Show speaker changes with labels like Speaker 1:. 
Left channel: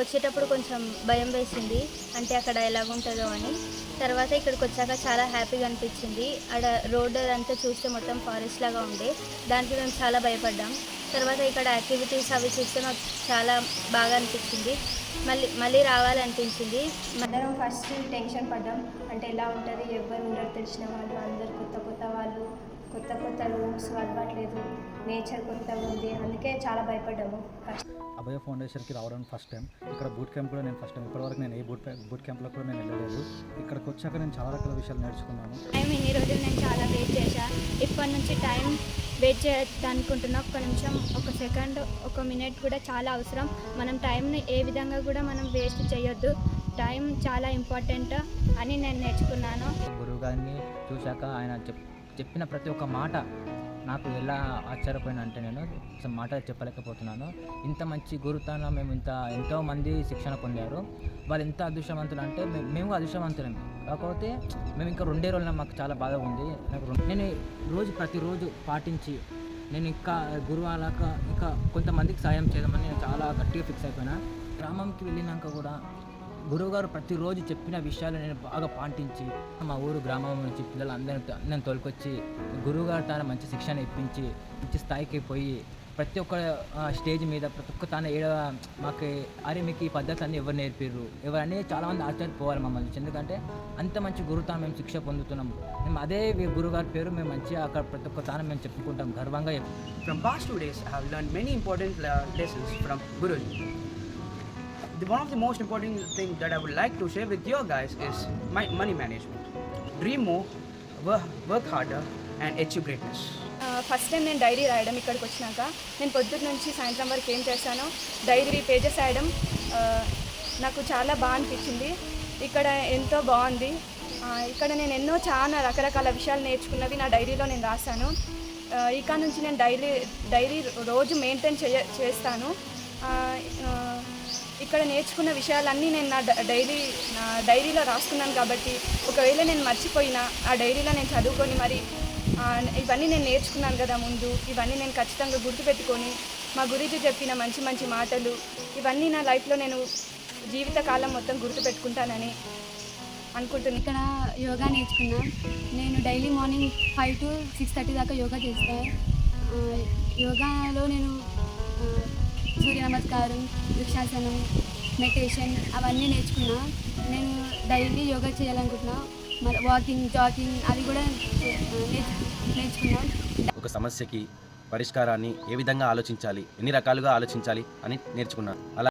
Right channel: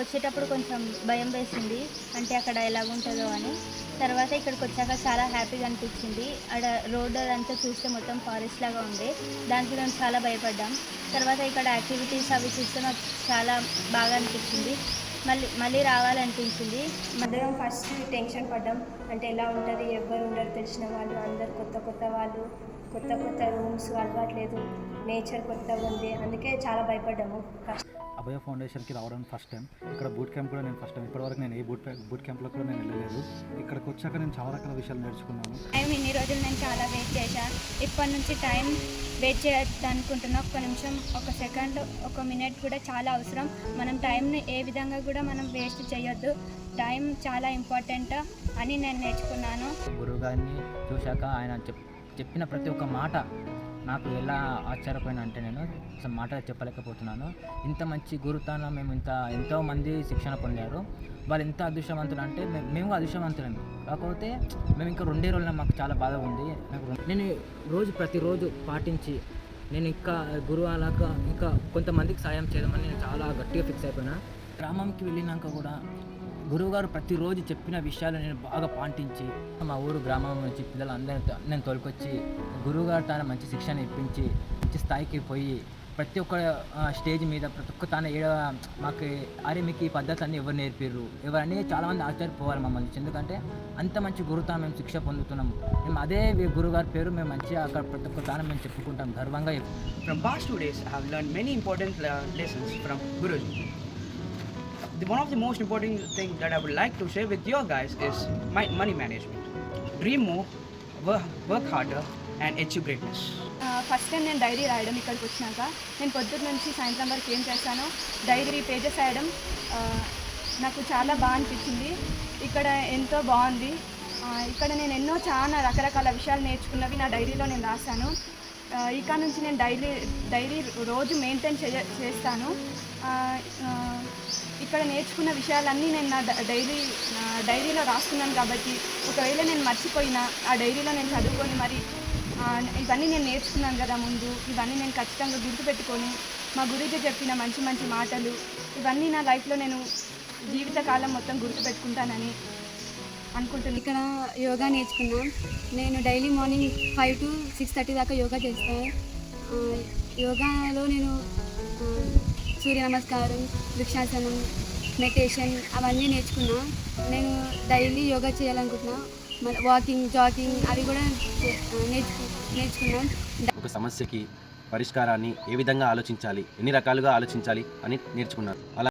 Speaker 1: వచ్చేటప్పుడు కొంచెం భయం వేసింది. అంటే అక్కడ ఎలాగుంటుందో అని. తర్వాత ఇక్కడికి వచ్చాక చాలా హ్యాపీగా అనిపించింది. అక్కడ రోడ్ అంతా చూస్తే మొత్తం ఫారెస్ట్ లాగా ఉండే దానికి మేము చాలా భయపడ్డాం. తర్వాత ఇక్కడ యాక్టివిటీస్ అవి చూస్తే నాకు చాలా బాగా అనిపించింది. మళ్ళీ మళ్ళీ రావాలనిపించింది. అందరం ఫస్ట్ టెన్షన్ పడ్డాం. అంటే ఎలా ఉంటుంది ఎవరు ఉండరు తెలిసిన వాళ్ళు అందరు కొత్త కొత్త వాళ్ళు కొత్త కొత్త రూమ్స్ అలవాట్లేదు నేచర్ కొత్తగా ఉంది. అందుకే చాలా భయపడ్డాము. ఫస్ట్
Speaker 2: అభయ ఫౌండేషన్కి రావడం ఫస్ట్ టైం ఇక్కడ బూట్ క్యాంప్ కూడా నేను ఫస్ట్ టైం ఇప్పటివరకు నేను ఏ బూట్ బూట్ క్యాంప్లో కూడా నేను వెళ్ళలేదు. ఇక్కడికి వచ్చాక నేను చాలా రకాల విషయాలు నేర్చుకున్నాను.
Speaker 1: టైం ఇన్ని రోజులు నేను చాలా వెయిట్ చేశా. ఇప్పటి నుంచి టైం వెయిట్ చేయొద్దు అనుకుంటున్నా ఒక్క నిమిషం ఒక సెకండ్ ఒక మినిట్ కూడా చాలా అవసరం. మనం టైంని ఏ విధంగా కూడా మనం వేస్ట్ చేయొద్దు. టైం చాలా ఇంపార్టెంట్ అని నేను నేర్చుకున్నాను.
Speaker 3: గురువు గారిని చూశాక ఆయన చెప్ చెప్పిన ప్రతి ఒక్క మాట నాకు ఎలా ఆశ్చర్యపోయినా అంటే నేను మాట చెప్పలేకపోతున్నాను. ఇంత మంచి గురుతాన మేము ఇంత ఎంతో మంది శిక్షణ పొందారు. వాళ్ళు ఎంత అదృష్టవంతులు అంటే మేము అదృష్టవంతులం. కాకపోతే మేము ఇంకా రెండే రోజులు మాకు చాలా బాధ ఉంది. నాకు నేను రోజు ప్రతిరోజు పాటించి నేను ఇంకా గురువు అలాగా ఇంకా కొంతమందికి సాయం చేయడమని నేను చాలా గట్టిగా ఫిక్స్ అయిపోయినా. గ్రామంకి వెళ్ళినాక కూడా గురువుగారు ప్రతిరోజు చెప్పిన విషయాలు నేను బాగా పాటించి మా ఊరు గ్రామం నుంచి పిల్లలందరినీ నేను తోలుకొచ్చి గురువుగారు తన మంచి శిక్షణ ఇప్పించి మంచి స్థాయికి పోయి ప్రతి ఒక్క స్టేజ్ మీద ప్రతి ఒక్క తన ఏడ మాకు అరే మీకు ఈ పద్ధతి అన్నీ ఎవరు నేర్పిర్రు? ఎవరన్నీ చాలామంది ఆశ్చర్యపోవాలి మమ్మల్ని. ఎందుకంటే అంత మంచి గురువుతో మేము శిక్ష పొందుతున్నాము. మేము అదే గురుగారి పేరు మేము మంచిగా అక్కడ ప్రతి ఒక్క తానం మేము చెప్పుకుంటాం గర్వంగా from
Speaker 4: From two days days, I many important lessons from Guruji. The, one of the most important things that I would like to share with you guys is my money management. Dream more, work, work harder, and achieve greatness.
Speaker 1: Uh, first time నేను diary రాయడం ఇక్కడికి వచ్చినాక నేను పొద్దున్న నుంచి సాయంత్రం వరకు ఏం చేశానో డైరీ పేజెస్ రాయడం నాకు చాలా బాగా అనిపించింది ఇక్కడ ఎంతో బాగుంది ఇక్కడ నేను ఎన్నో చాలా రకరకాల విషయాలు నేర్చుకున్నవి నా డైరీలో నేను రాశాను ఇక్కడ ఇక నుంచి నేను డైలీ డైరీ రోజు మెయింటైన్ చేయ చేస్తాను ఇక్కడ నేర్చుకున్న విషయాలన్నీ నేను నా డ- డైరీ నా డైరీలో రాస్తున్నాను కాబట్టి ఒకవేళ నేను మర్చిపోయినా ఆ డైరీలో నేను చదువుకొని మరి ఇవన్నీ నేను నేర్చుకున్నాను కదా ముందు ఇవన్నీ నేను ఖచ్చితంగా గుర్తుపెట్టుకొని మా గురించి చెప్పిన మంచి మంచి మాటలు ఇవన్నీ నా లైఫ్లో నేను జీవితకాలం మొత్తం గుర్తుపెట్టుకుంటానని అనుకుంటున్నాను
Speaker 5: ఇక్కడ యోగా నేర్చుకున్నా. నేను daily morning five to six thirty దాకా యోగా చేస్తాను యోగాలో నేను సూర్య నమస్కారం వృక్షాసనం మెడిటేషన్ అవన్నీ నేర్చుకున్నా. నేను డైలీ యోగా చేయాలనుకుంటున్నా. మరి వాకింగ్ జాగింగ్ అది కూడా చే-
Speaker 6: ఒక సమస్యకి పరిష్కారాన్ని ఏ విధంగా ఆలోచించాలి? ఎన్ని రకాలుగా ఆలోచించాలి? అని నేర్చుకున్నాను అలా